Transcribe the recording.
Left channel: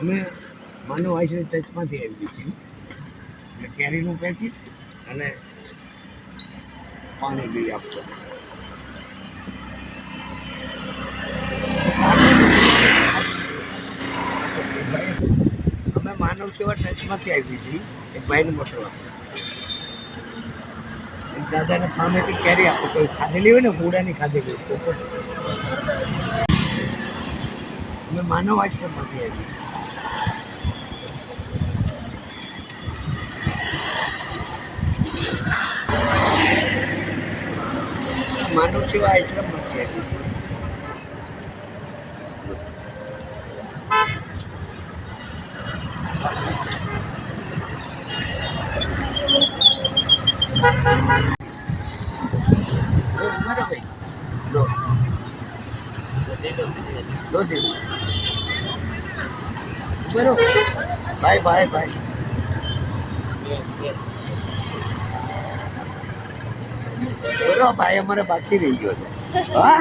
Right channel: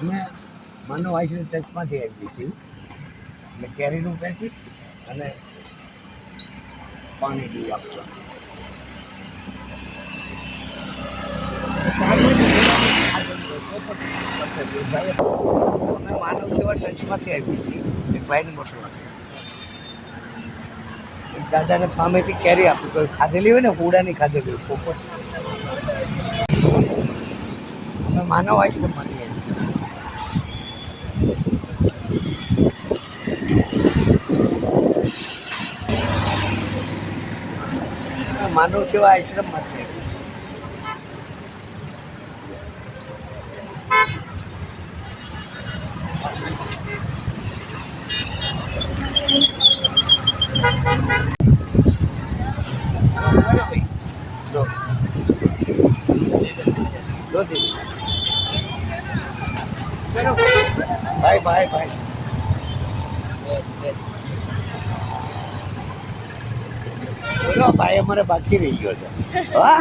અમે માનવ આઈસરી ટચમાંથી આવીએ છીએ એટલે કેરીનું પેકેટ અને પાણી બી આપવું. અમે માનવ સેવા ટચમાંથી આવીએ છીએ. એક ભાઈને મોકલવા એક દાદાને સામેથી કેરી આપું તો ખાધેલી હોય ને કુડાની ખાધેલી હોય પોપટ. અમે માનવ આઈસ્ક્રીમમાંથી આવીએ છીએ. માનવ સેવા આશ્રમમાંથી આવી છે. ભાઈ ભાઈ ભાઈ બોલો ભાઈ અમારે બાકી રહી ગયો છે. હા